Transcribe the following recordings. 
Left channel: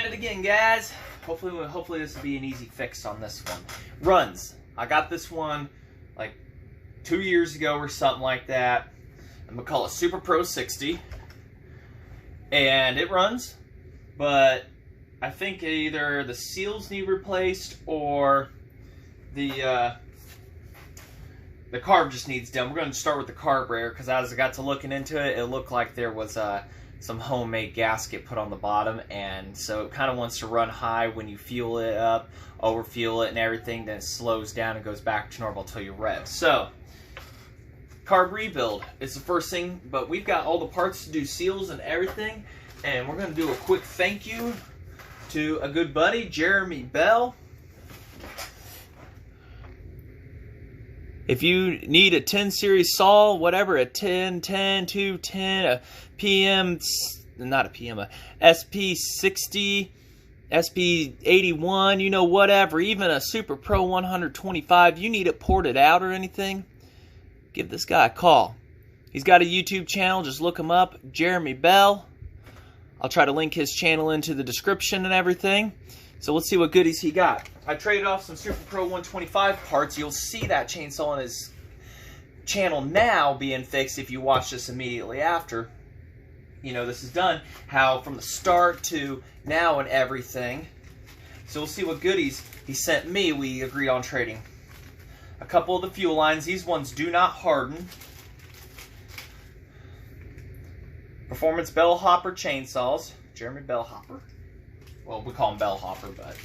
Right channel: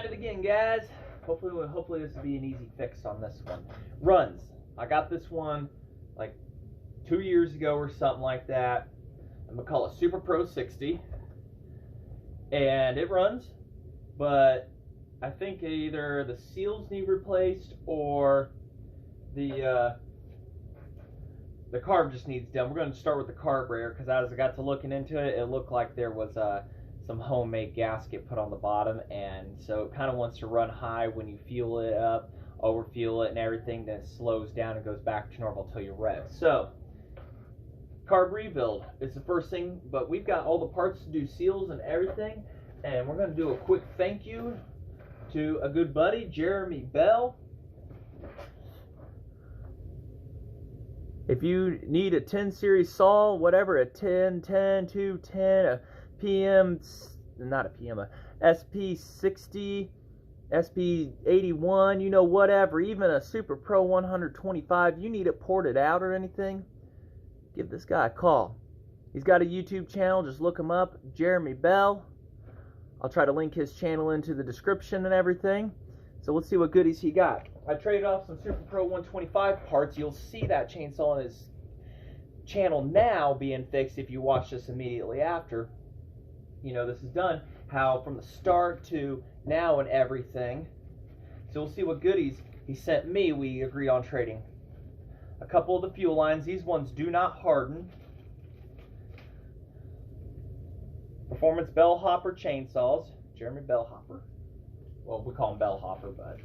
at it again, guys. Hopefully this will be an easy fix on this one. Runs. I got this one like 2 years ago or something like that. The McCulloch Super Pro 60, and it runs, but I think either the seals need replaced or the carb just needs done. We're going to start with the carburetor because as I got to looking into it, it looked like there was some homemade gasket put on the bottom, and so it kind of wants to run high when you fuel it up, overfuel it and everything, then it slows down and goes back to normal until you rev. So, carb rebuild is the first thing, but we've got all the parts to do seals and everything, and we're going to do a quick thank you to a good buddy, Jereme Bell. If you need a 10 series saw, whatever, a 10, 10, 210, a PM, not a PM, a sp60, sp81, you know, whatever, even a Super Pro 125, you need it ported out or anything, give this guy a call. He's got a YouTube channel, just look him up, Jereme Bell. I'll try to link his channel into the description and everything. So let's see what goodies he got. I traded off some Super Pro 125 parts. You'll see that chainsaw on his channel now being fixed if you watch this immediately after. You know, this is done. How from the start to now and everything. So we'll see what goodies he sent me. We agreed on trading a couple of the fuel lines. These ones do not harden. Performance bell hopper chainsaws. Jereme Bell hopper. Well, we call them bell hopper, but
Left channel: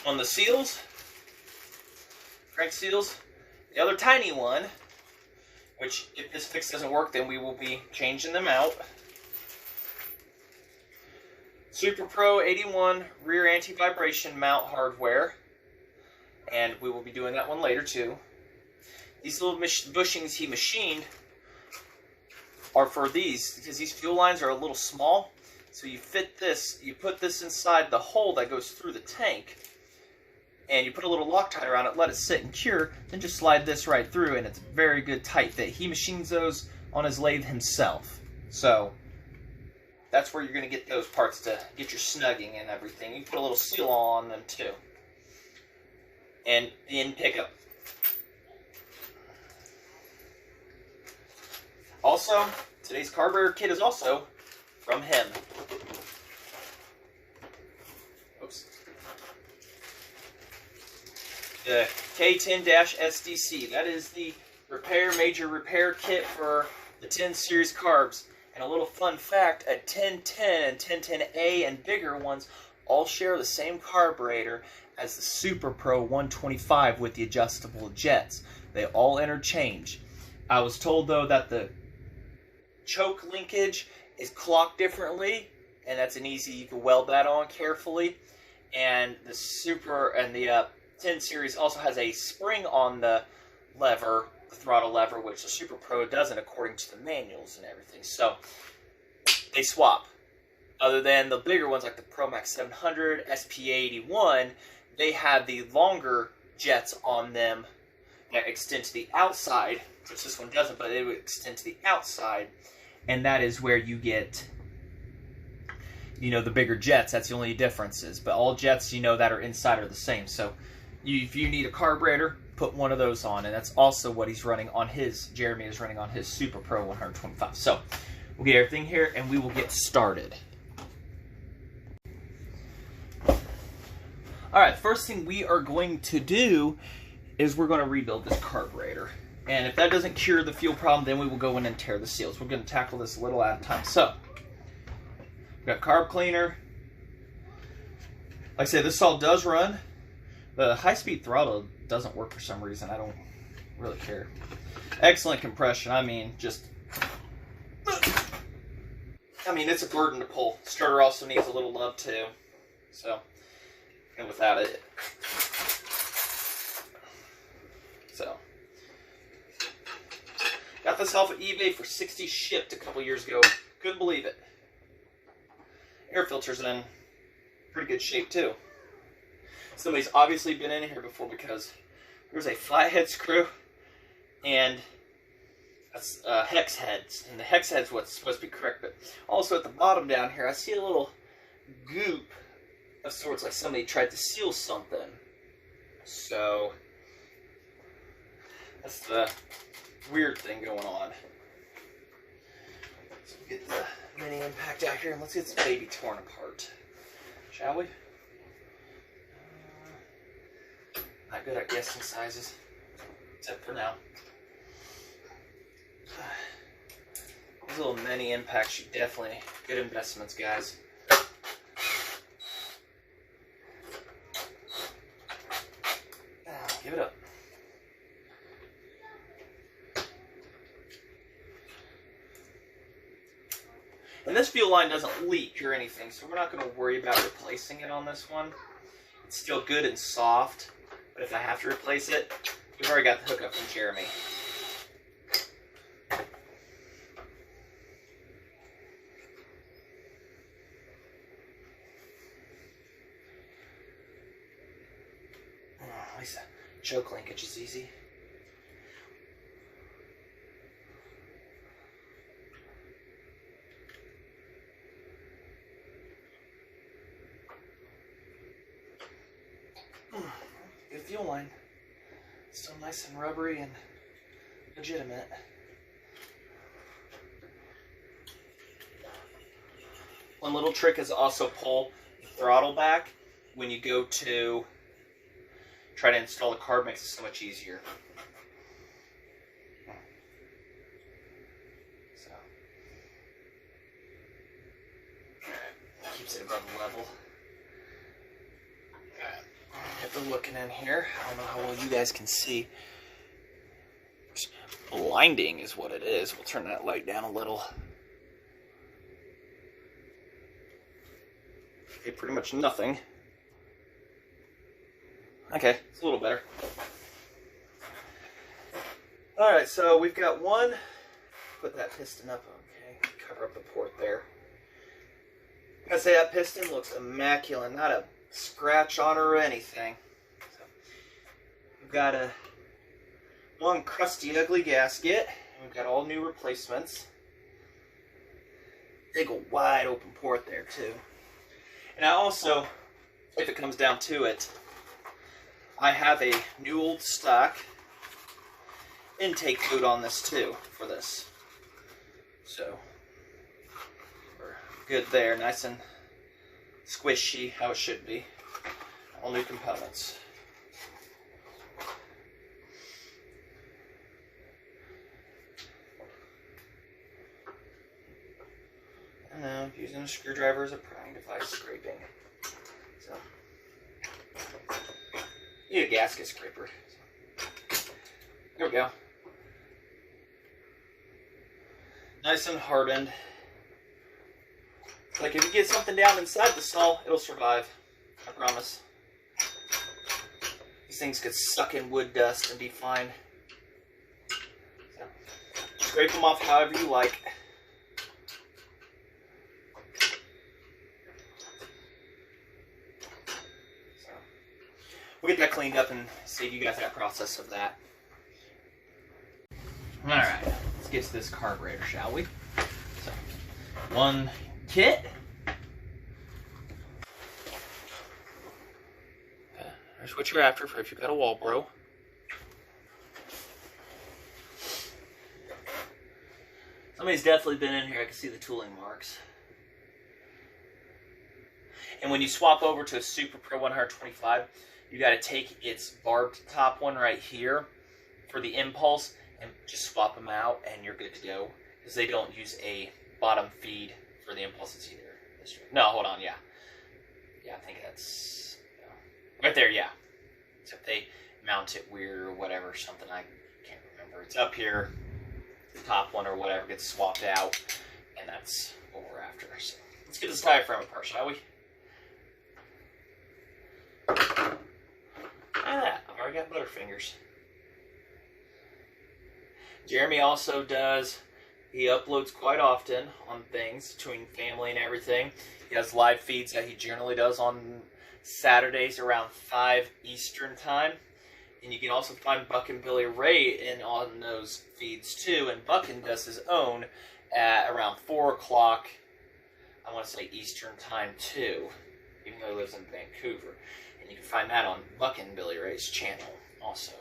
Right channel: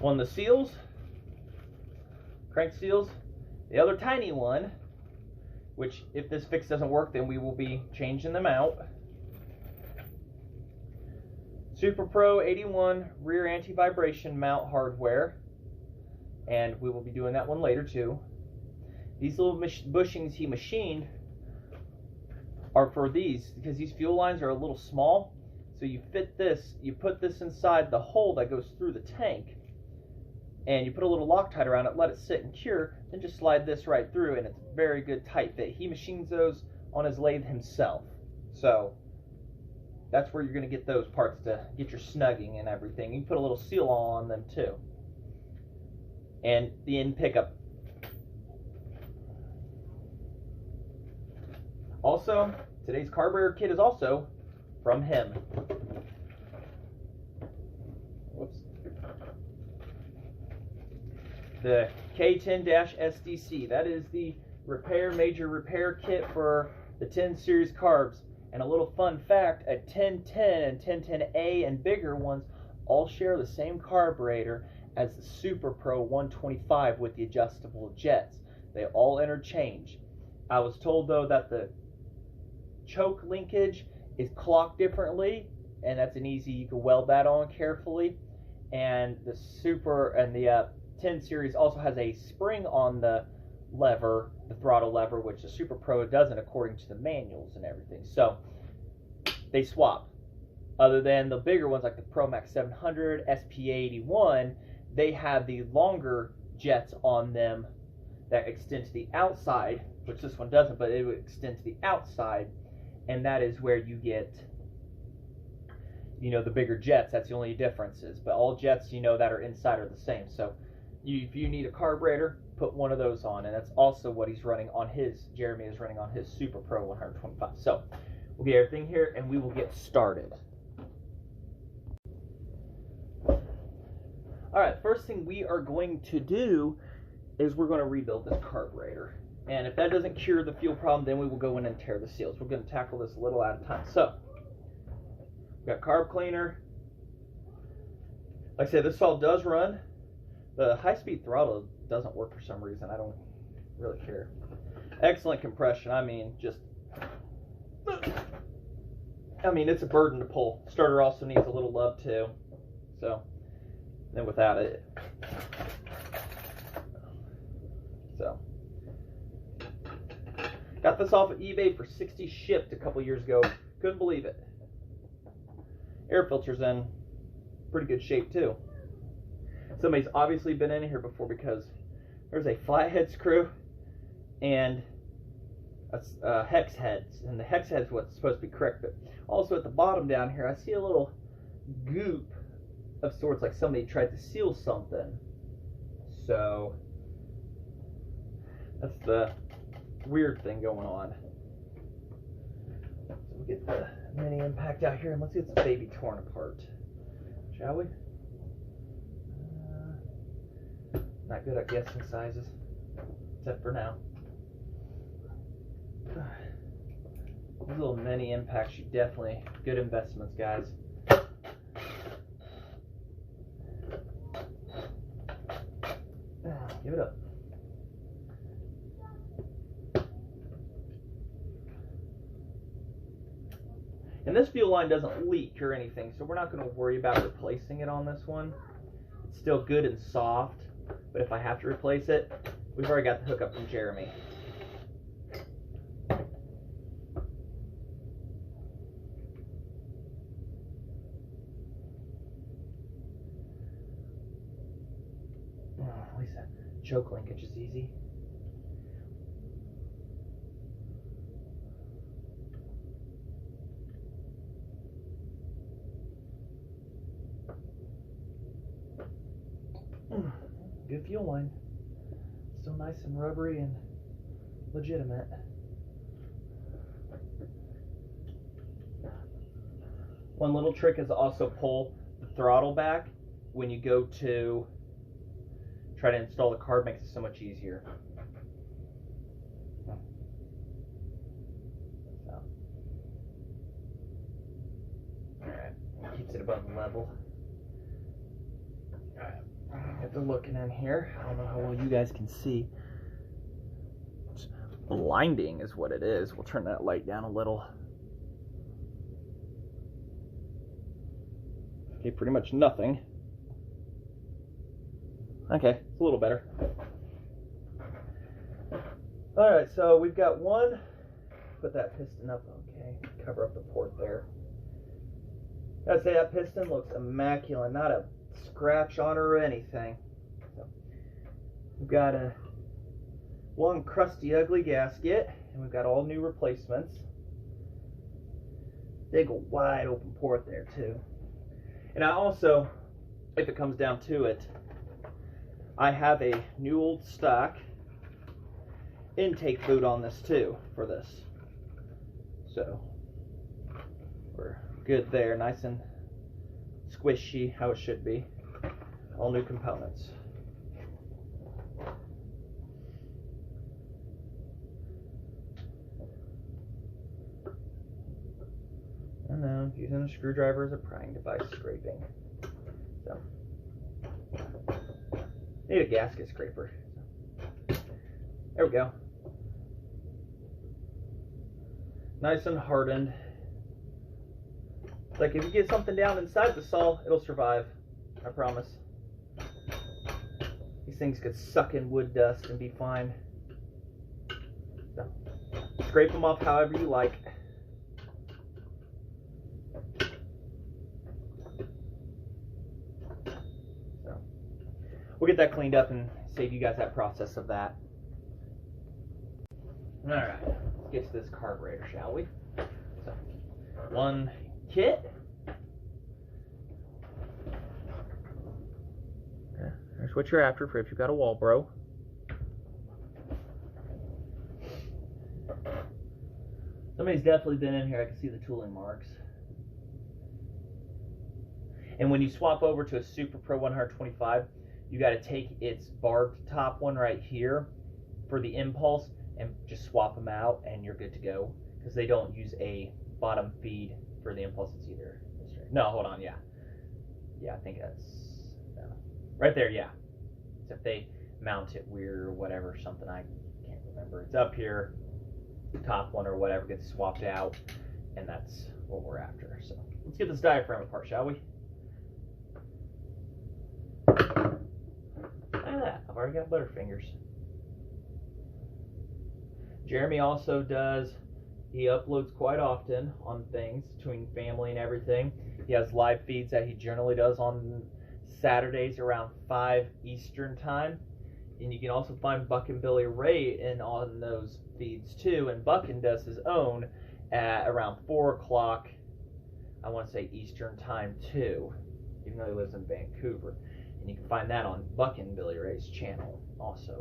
one of the seals, crank seals. The other tiny one, which if this fix doesn't work, then we will be changing them out. Super Pro 81 rear anti-vibration mount hardware, and we will be doing that one later too. These little bushings he machined are for these, because these fuel lines are a little small. So you fit this, you put this inside the hole that goes through the tank, and you put a little Loctite around it, let it sit and cure, then just slide this right through, and it's a very good tight fit. He machines those on his lathe himself. So that's where you're going to get those parts to get your snugging and everything. You put a little seal on them too. And the end pickup. Also, today's carburetor kit is also from him. Whoops. The K10-SDC. That is the major repair kit for the 10 series carbs. And a little fun fact, a 1010 and 1010A and bigger ones all share the same carburetor as the Super Pro 125 with the adjustable jets. They all interchange. I was told though that the choke linkage is clocked differently, and that's an easy, you can weld that on carefully. And the Super and the 10 series also has a spring on the lever, the throttle lever, which the Super Pro doesn't according to the manuals and everything. So they swap. Other than the bigger ones like the Pro Max 700, SP81, they have the longer jets on them that extend to the outside, which this one doesn't, but it would extend to the outside. And that is where you get, you know, the bigger jets. That's the only differences. But all jets, you know, that are inside are the same. So if you need a carburetor, put one of those on. And that's also what he's running on his, Jereme is running on his Super Pro 125. So we'll get everything here and we will get started. Alright, first thing we are going to do is we're going to rebuild this carburetor. And if that doesn't cure the fuel problem, then we will go in and tear the seals. We're going to tackle this a little at a time. So, we've got carb cleaner. Like I said, this saw does run. The high-speed throttle doesn't work for some reason. I don't really care. Excellent compression. I mean, just... I mean, it's a burden to pull. Starter also needs a little love, too. So, and without it... So... Got this off of eBay for $60 shipped a couple years ago. Couldn't believe it. Air filter's in pretty good shape too. Somebody's obviously been in here before because there's a flathead screw and That's hex heads, and the hex head's what's supposed to be correct. But also at the bottom down here, I see a little goop of sorts, like somebody tried to seal something. So that's the weird thing going on. So we'll get the mini impact out here and let's get this baby torn apart, shall we? Not good at guessing sizes, except for now. These little mini impacts should definitely good investments, guys. Give it up. And this fuel line doesn't leak or anything, so we're not going to worry about replacing it on this one. It's still good and soft, but if I have to replace it, we've already got the hookup from Jereme. At least the choke linkage is easy. Good fuel line. Still nice and rubbery and legitimate. One little trick is also pull the throttle back when you go to try to install the carb. Makes it so much easier. So keeps it above level. If they're looking in here, I don't know how well you guys can see. Blinding is what it is. We'll turn that light down a little. Okay, pretty much nothing. Okay, it's a little better. Alright, so we've got one. Put that piston up, okay. Cover up the port there. Gotta say, that piston looks immaculate. Not a scratch on her or anything. So we've got one crusty, ugly gasket, and we've got all new replacements. Big old wide open port there too. And I also, if it comes down to it, I have a new old stock intake boot on this too for this. So we're good there, nice and squishy, how it should be. All new components. And now using a screwdriver as a prying device, scraping. So, need a gasket scraper. There we go. Nice and hardened. Like if you get something down inside the saw, it'll survive. I promise. These things could suck in wood dust and be fine. So, scrape them off however you like. So, we'll get that cleaned up and save you guys that process of that. Alright, let's get to this carburetor, shall we? So, one kit. Okay, there's what you're after for if you've got a wall bro. Somebody's definitely been in here. I can see the tooling marks. And when you swap over to a Super Pro 125, you got to take its barbed top one right here for the impulse and just swap them out and you're good to go, because they don't use a bottom feed for the impulse. It's either this way. No, hold on, yeah. Yeah, I think that's right there, yeah. Except they mount it weird or whatever, something I can't remember. It's up here, the top one or whatever gets swapped out, and that's what we're after. So let's get this diaphragm apart, shall we? Look at that, I've already got butterfingers. Jereme also does, he uploads quite often on things between family and everything. He has live feeds that he generally does on Saturdays around 5 Eastern time. And you can also find Buck and Billy Ray on those feeds too. And Buckin does his own at around 4 o'clock, I want to say Eastern time too, even though he lives in Vancouver. And you can find that on Buck and Billy Ray's channel also.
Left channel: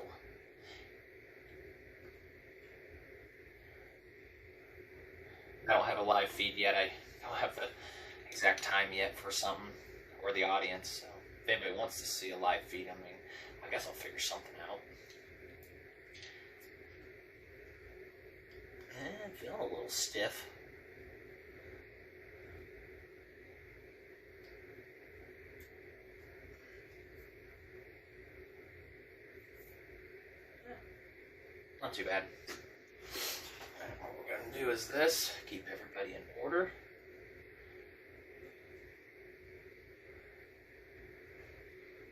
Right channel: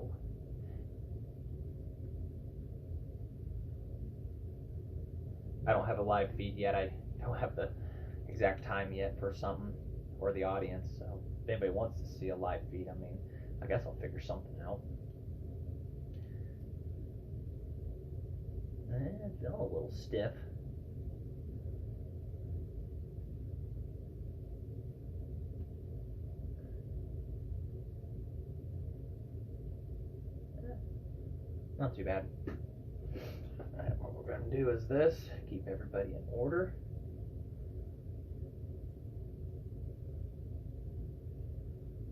I don't have a live feed yet. I don't have the exact time yet for something or the audience. So if anybody wants to see a live feed, I mean, I guess I'll figure something out. I'm feeling a little stiff. Not too bad. Alright, what we're going to do is this. Keep everybody in order.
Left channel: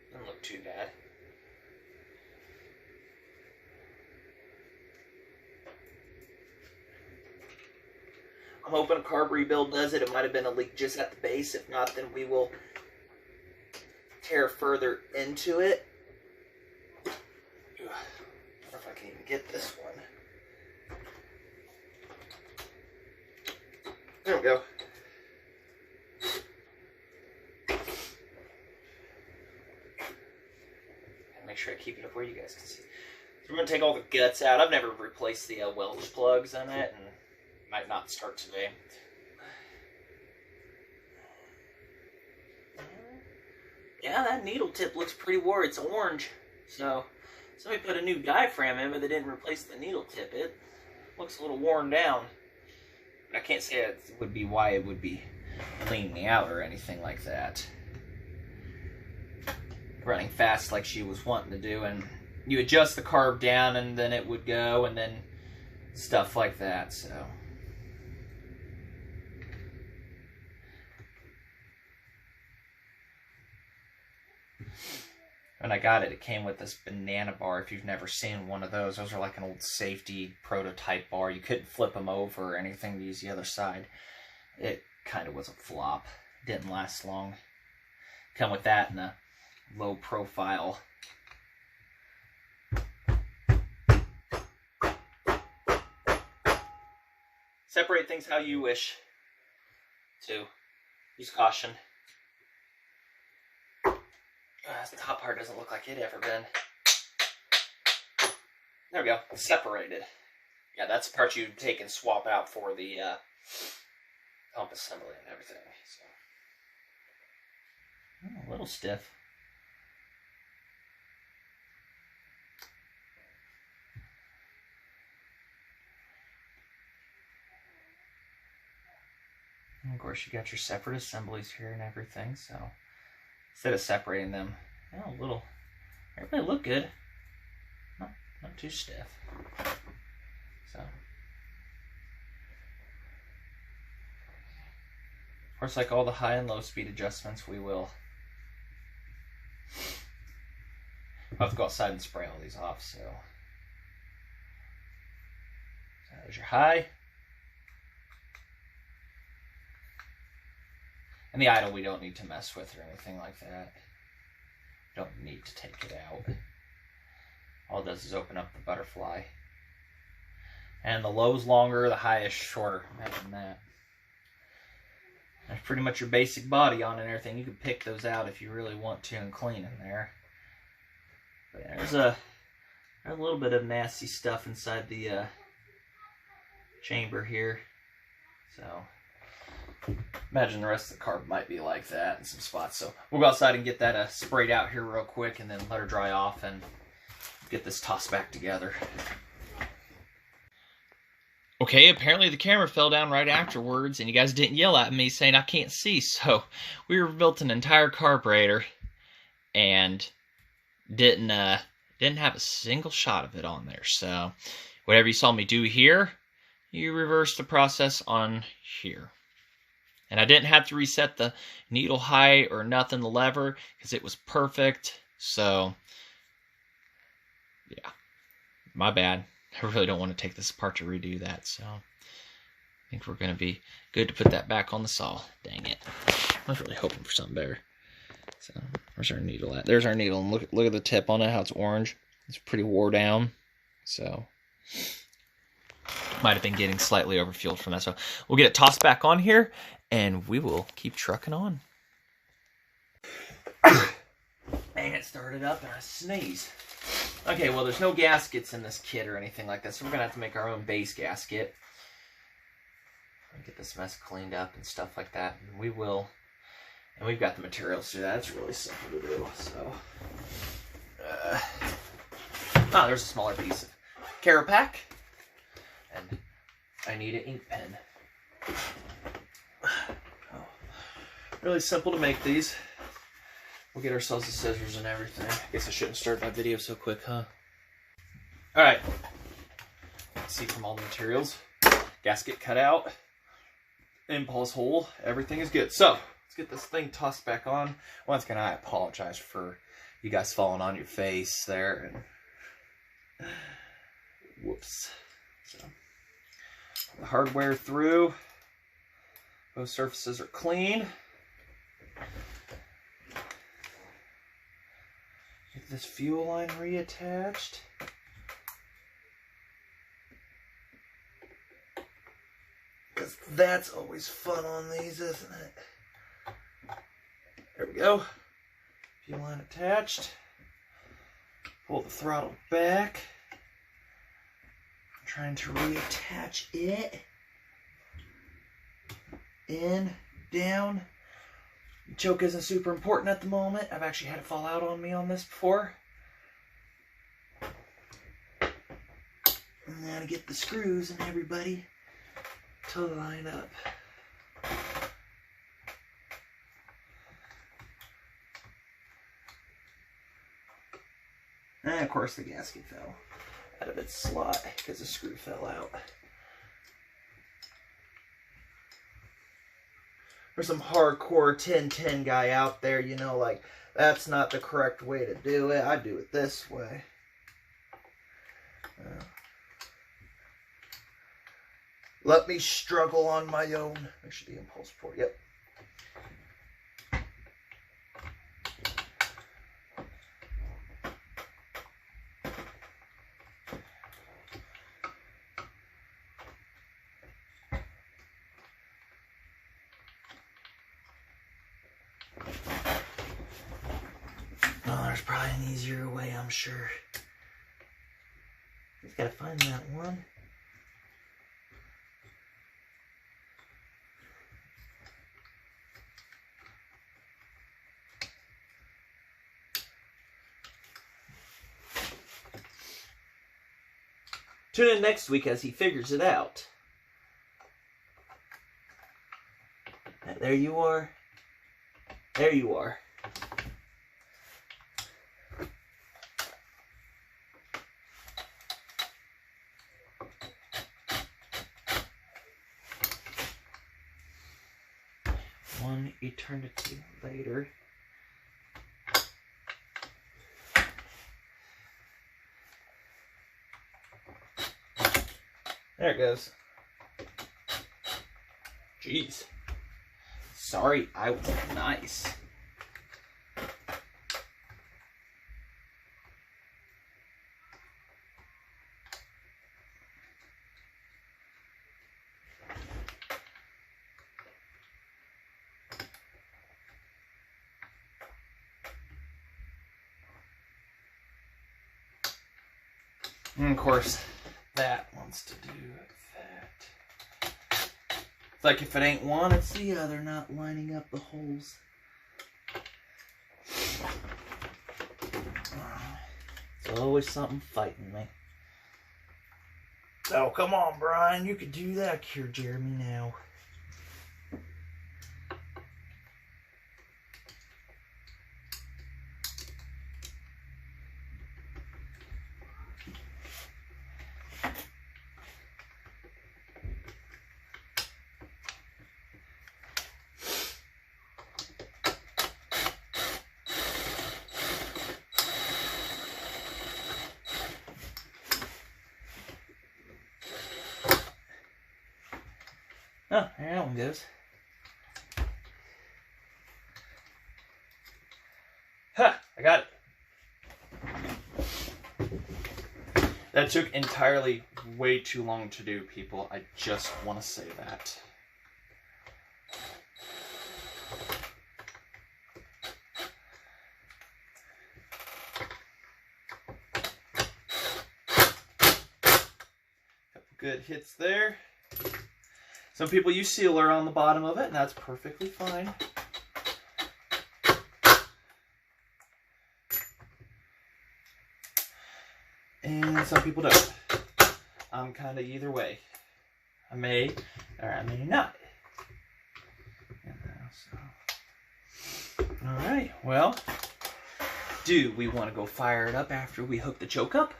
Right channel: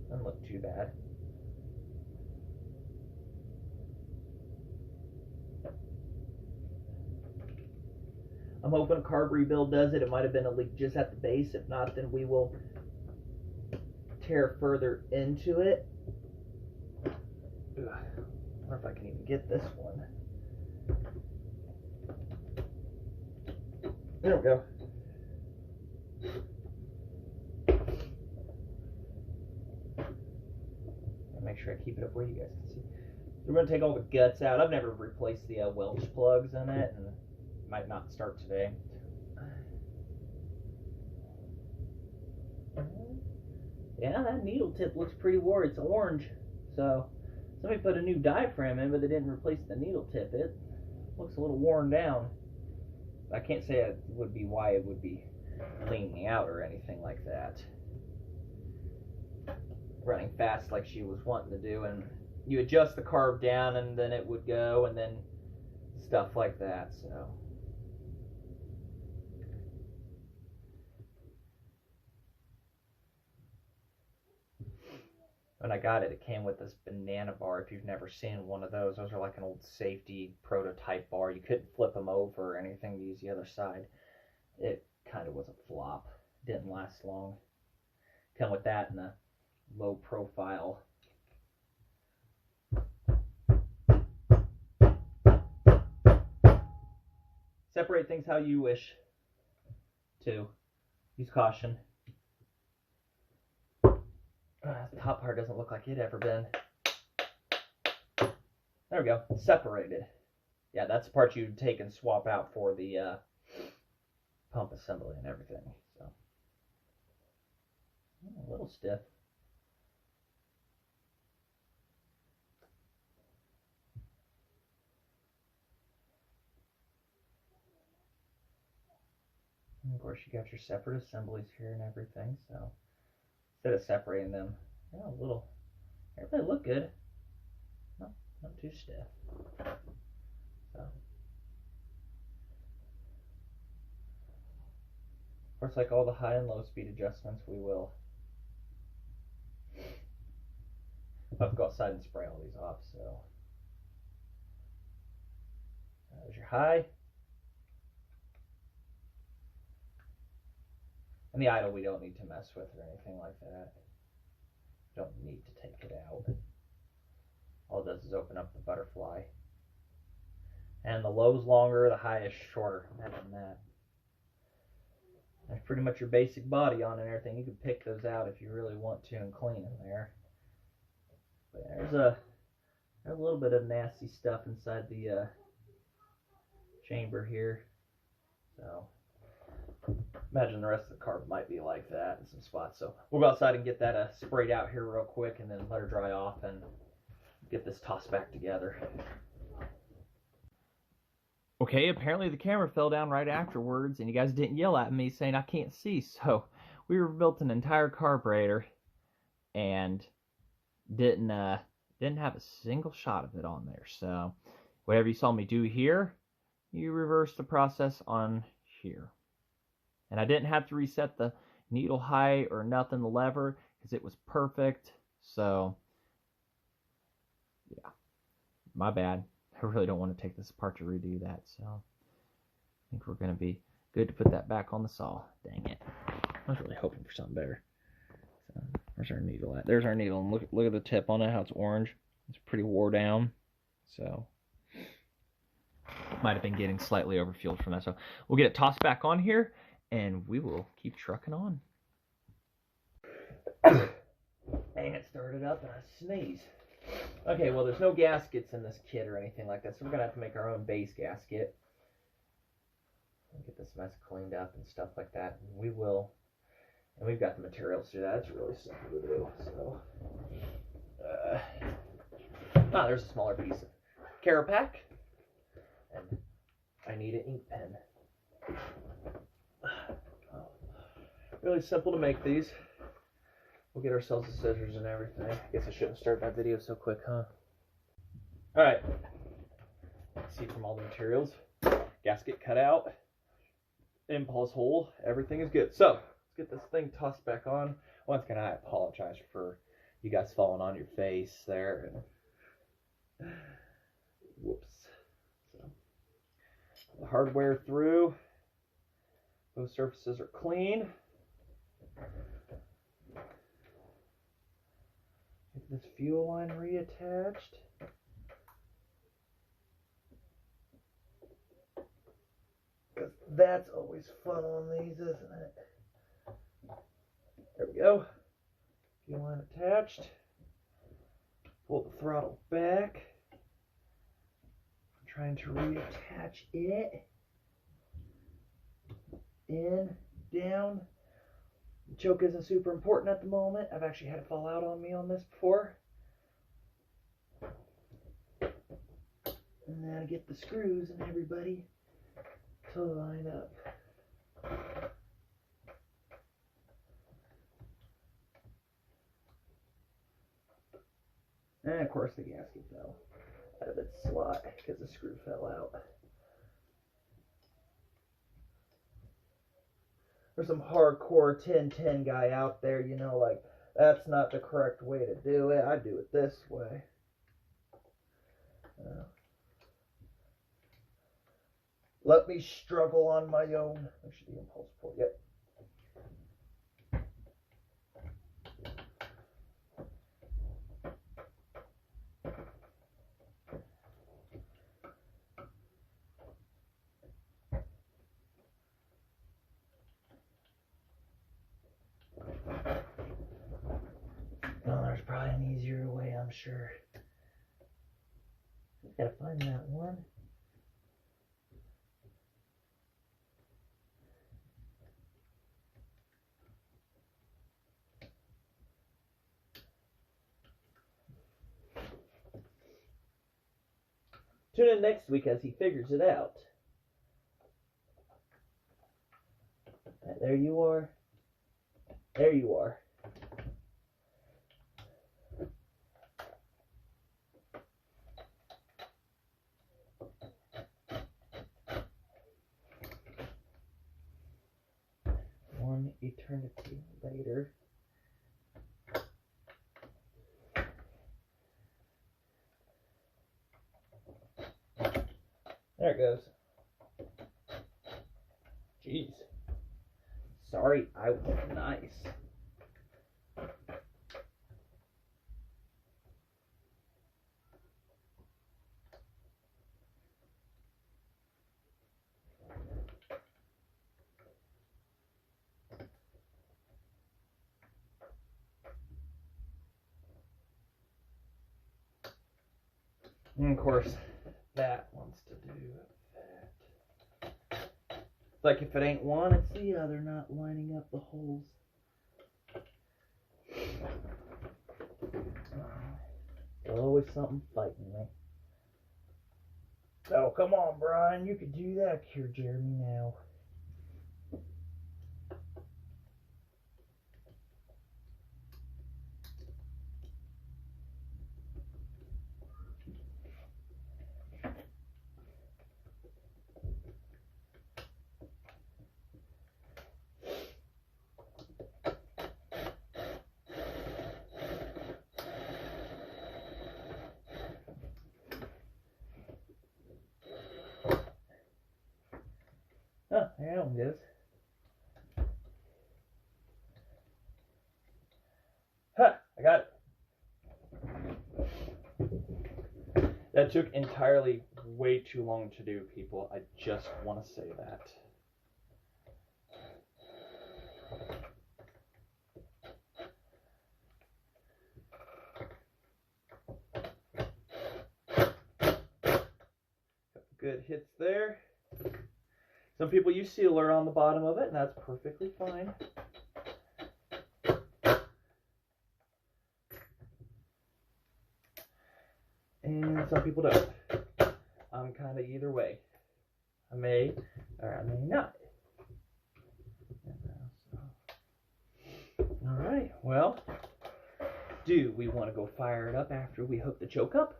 Doesn't look too bad. I'm hoping a carb rebuild does it. It might have been a leak just at the base. If not, then we will tear further into it. Ugh. I wonder if I can even get this one. There we go. And make sure I keep it up where you guys can see. So we're going to take all the guts out. I've never replaced the Welch plugs in it, and might not start today. Yeah, that needle tip looks pretty wore. It's orange. So somebody put a new diaphragm in, but they didn't replace the needle tip. It looks a little worn down. I can't say it would be why it would be leaning out or anything like that. Running fast like she was wanting to do, and you adjust the carb down and then it would go, and then stuff like that. So when I got it, it came with this banana bar. If you've never seen one of those are like an old safety prototype bar. You couldn't flip them over or anything to use the other side. It kind of was a flop. Didn't last long. Come with that and a low profile. Separate things how you wish to. Use caution. The top part doesn't look like it ever been. There we go. Separated. Yeah, that's the part you take and swap out for the pump assembly and everything. So a little stiff. And of course, you got your separate assemblies here and everything. So instead of separating them, a little, everybody look good. Not too stiff. So, of course, like all the high and low speed adjustments, we will. I'll have to go outside and spray all these off. So there's your high. And the idle we don't need to mess with or anything like that. Don't need to take it out. All it does is open up the butterfly. And the low's longer, the high is shorter. Imagine that. That's pretty much your basic body on and everything. You can pick those out if you really want to and clean in there. But there's a little bit of nasty stuff inside the chamber here. So imagine the rest of the carb might be like that in some spots. So we'll go outside and get that sprayed out here real quick and then let her dry off and get this tossed back together. Okay, apparently the camera fell down right afterwards and you guys didn't yell at me saying I can't see. So we rebuilt an entire carburetor and didn't have a single shot of it on there. So whatever you saw me do here, you reverse the process on here. And I didn't have to reset the needle height or nothing, the lever, because it was perfect. So, yeah, my bad. I really don't want to take this apart to redo that. So, I think we're going to be good to put that back on the saw. Dang it. I was really hoping for something better. So, where's our needle at? There's our needle. And look at the tip on it, how it's orange. It's pretty wore down, so might have been getting slightly overfueled from that. So we'll get it tossed back on here, and we will keep trucking on. And it started up, and I sneezed. Okay, well, there's no gaskets in this kit or anything like that, so we're gonna have to make our own base gasket. Get this mess cleaned up and stuff like that, and we will. And we've got the materials to do that. It's really simple to do. So, there's a smaller piece of Carapac, and I need an ink pen. Really simple to make these. We'll get ourselves the scissors and everything. I guess I shouldn't start my video so quick, huh? All right. Let's see from all the materials. Gasket cut out. Impulse hole. Everything is good. So let's get this thing tossed back on. Once again, I apologize for you guys falling on your face there. And whoops. So the hardware through. Both surfaces are clean. Get this fuel line reattached. Because that's always fun on these, isn't it? There we go. Fuel line attached. Pull the throttle back. I'm trying to reattach it. In, down. The choke isn't super important at the moment. I've actually had it fall out on me on this before. And now to get the screws and everybody to line up. And of course the gasket fell out of its slot because the screw fell out. There's some hardcore 1010 guy out there, you know, like, that's not the correct way to do it. I do it this way. Let me struggle on my own. Make sure the impulse port, yep. Oh, there's probably an easier way, I'm sure. Just gotta find that one. Tune in next week as he figures it out. There you are. There you are. One eternity later. There it goes. Jeez. Sorry, I was nice. And of course, that wants to do that. It's like if it ain't one, it's the other, not lining up the holes. It's always something fighting me. Oh, come on, Brian. You could do that here, Jeremy, now. Oh, there that one goes. Ha! I got it. That took entirely way too long to do, people. I just want to say that. Couple good hits there. Some people use sealer on the bottom of it, and that's perfectly fine. And some people don't. I'm kind of either way. I may or I may not. Alright, well, do we want to go fire it up after we hook the choke up?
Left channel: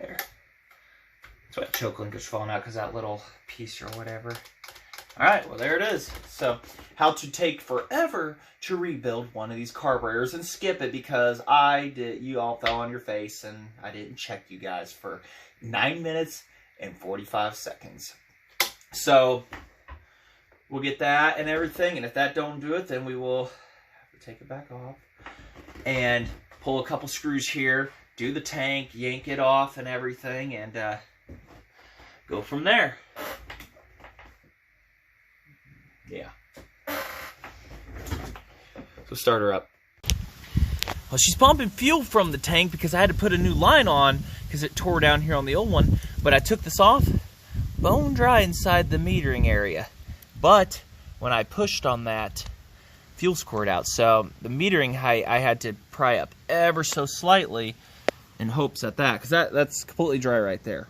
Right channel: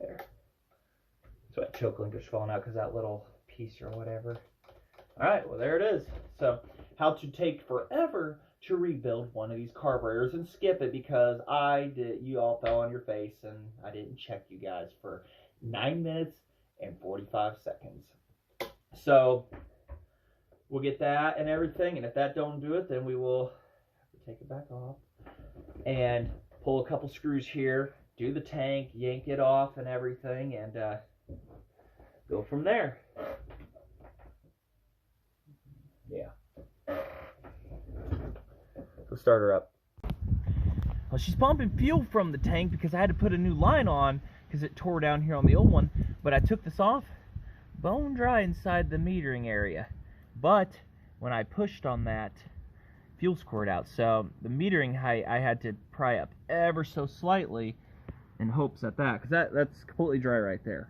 There. That's why the choke link is falling out, because that little piece or whatever. Alright, well there it is. So, how to take forever to rebuild one of these carburetors and skip it because you all fell on your face and I didn't check you guys for 9 minutes and 45 seconds. So, we'll get that and everything, and if that don't do it, then we will have to take it back off and pull a couple screws here, do the tank, yank it off and everything, and go from there. Yeah. So start her up. Well, she's pumping fuel from the tank because I had to put a new line on because it tore down here on the old one. But I took this off, bone dry inside the metering area. But when I pushed on that, fuel squirt out. So the metering height I had to pry up ever so slightly in hopes at that, because that's completely dry right there.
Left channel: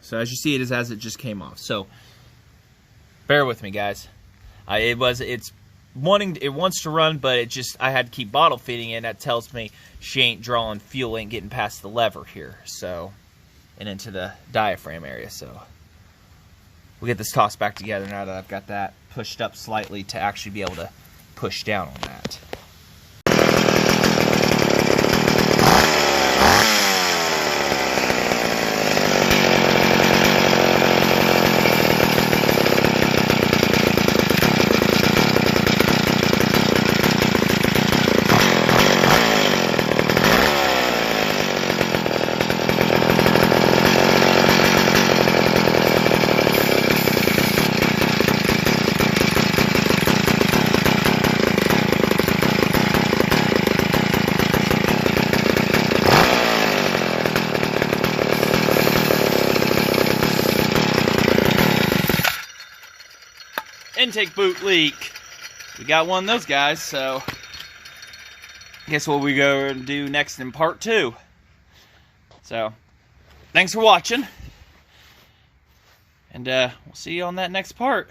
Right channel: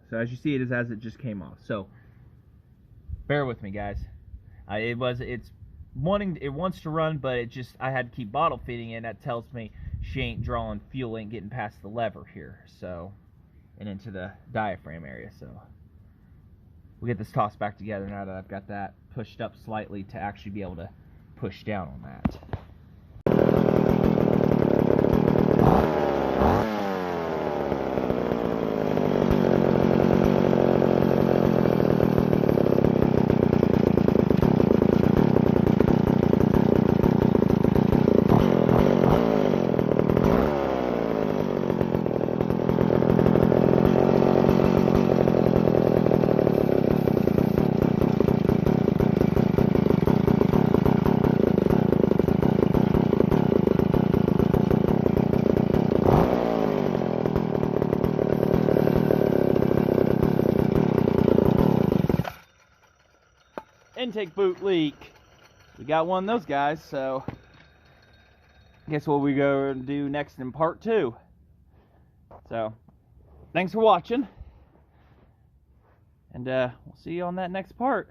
So as you see, it is as it just came off. So bear with me, guys. It wants to run, but I had to keep bottle feeding it. That tells me she ain't drawing fuel, ain't getting past the lever here. So, and into the diaphragm area. So we'll get this tossed back together now that I've got that pushed up slightly to actually be able to push down on that. Intake boot leak. We got one of those guys, so guess what we go and do next in part 2. So thanks for watching, and we'll see you on that next part.